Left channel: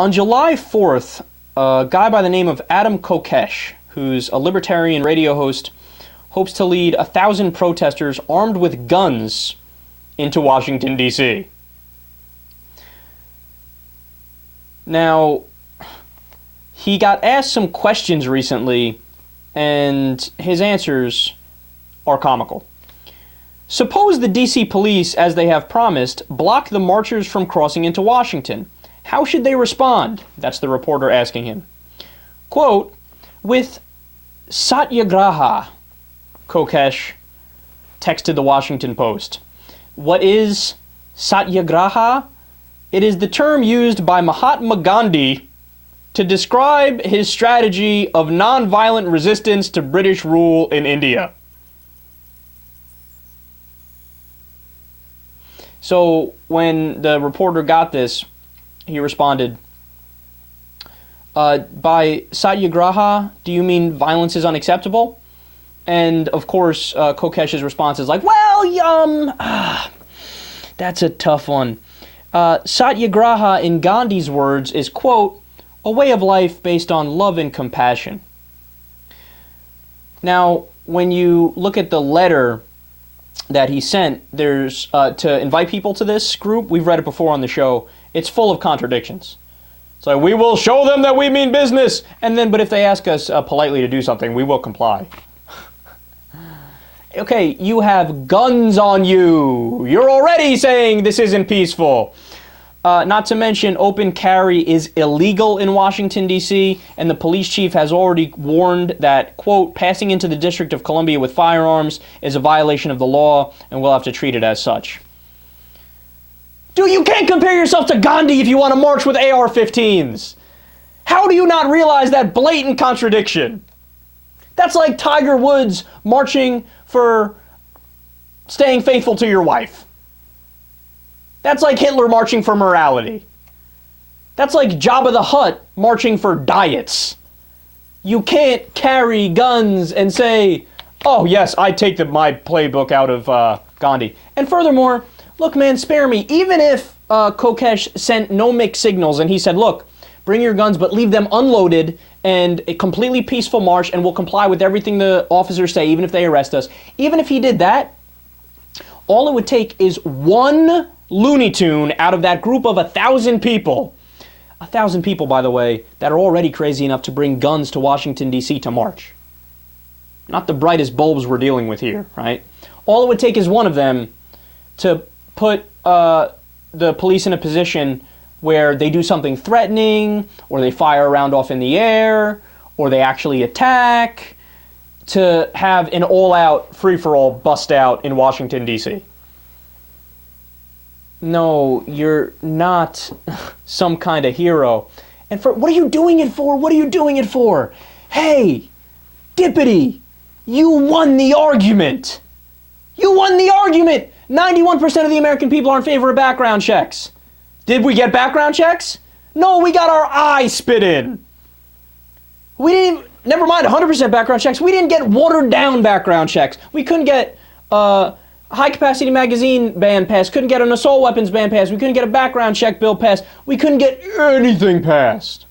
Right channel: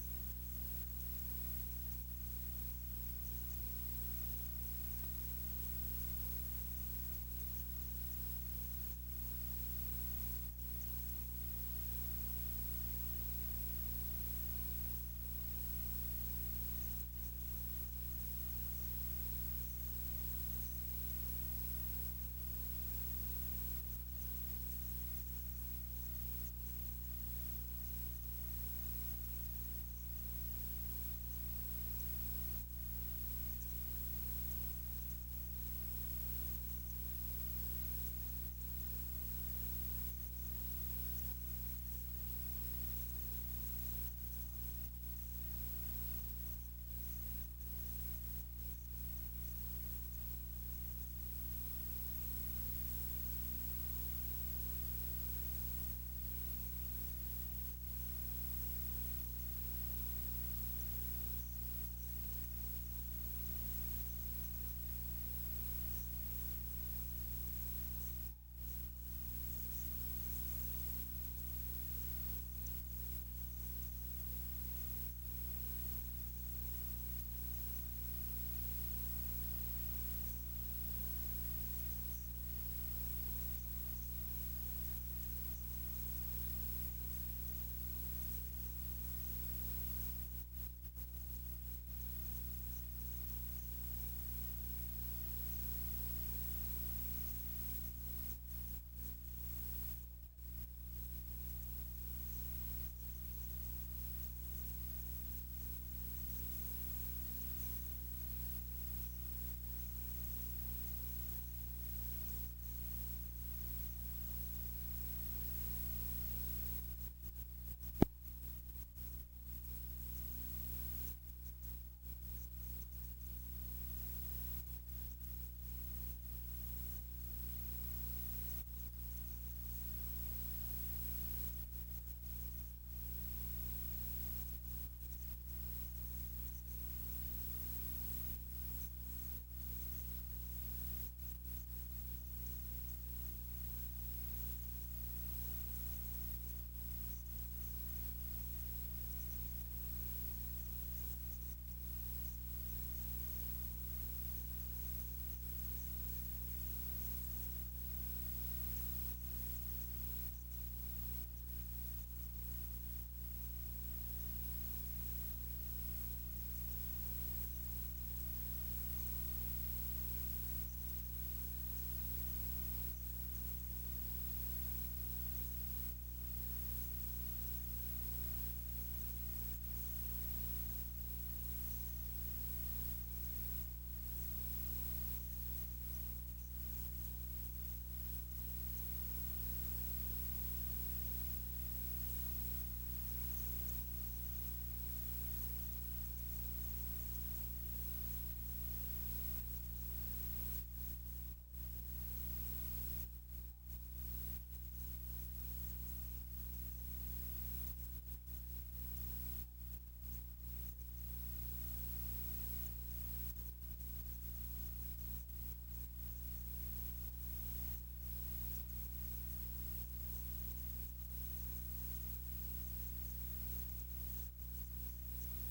On July 4th, a guy by the name of Adam Kokesh, who's a libertarian radio host, hopes to lead 1,000 protesters armed with guns into Washington, D.C. Now, he got asked some questions recently, and his answers are comical. Suppose the D.C. police, as they have promised, block the marchers from crossing into Washington. How should they respond? That's the reporter asking him. Quote, with Satyagraha, Kokesh texted the Washington Post. What is Satyagraha? It is the term used by Mahatma Gandhi to describe his strategy of nonviolent resistance to British rule in India. So when the reporter got this, he responded, by Satyagraha, do you mean violence is unacceptable? And of course, Kokesh's response is like, well, that's a tough one. Satyagraha, in Gandhi's words, is, quote, a way of life based on love and compassion. Now, when you look at the letter that he sent, there's to invite people to this group, we've read it before on the show, it's full of contradictions. It's like, we will show them that we mean business, and then, but if they ask us politely to do something, we will comply. Okay, you have guns on you. You're already saying this isn't peaceful. Not to mention, open carry is illegal in Washington, D.C., and the police chief has already warned that, quote, passing into the District of Columbia with firearms is a violation of the law, and we'll have to treat it as such. Dude, you can't compare yourself to Gandhi if you want to march with AR-15s. How do you not realize that blatant contradiction? That's like Tiger Woods marching for staying faithful to your wife. That's like Hitler marching for morality. That's like Jabba the Hutt marching for diets. You can't carry guns and say, oh yes, I take my playbook out of Gandhi. And furthermore, look man, spare me. Even if Kokesh sent no mixed signals and he said, look, bring your guns but leave them unloaded and a completely peaceful march and we'll comply with everything the officers say even if they arrest us. Even if he did that, all it would take is one Looney Tune out of that group of 1,000 people. 1,000 people, by the way, that are already crazy enough to bring guns to Washington, D.C. to march. Not the brightest bulbs we're dealing with here, right? All it would take is one of them to put the police in a position where they do something threatening, or they fire a round off in the air, or they actually attack, to have an all-out free-for-all bust out in Washington, D.C. No, you're not some kind of hero. And for what are you doing it for? What are you doing it for? Hey, Dippity, you won the argument. You won the argument. 91% of the American people are in favor of background checks. Did we get background checks? No, we got our eye spit in. We didn't, never mind 100% background checks. We didn't get watered down background checks. We couldn't get high-capacity magazine ban passed, couldn't get an assault weapons ban passed, we couldn't get a background check bill passed, we couldn't get anything passed.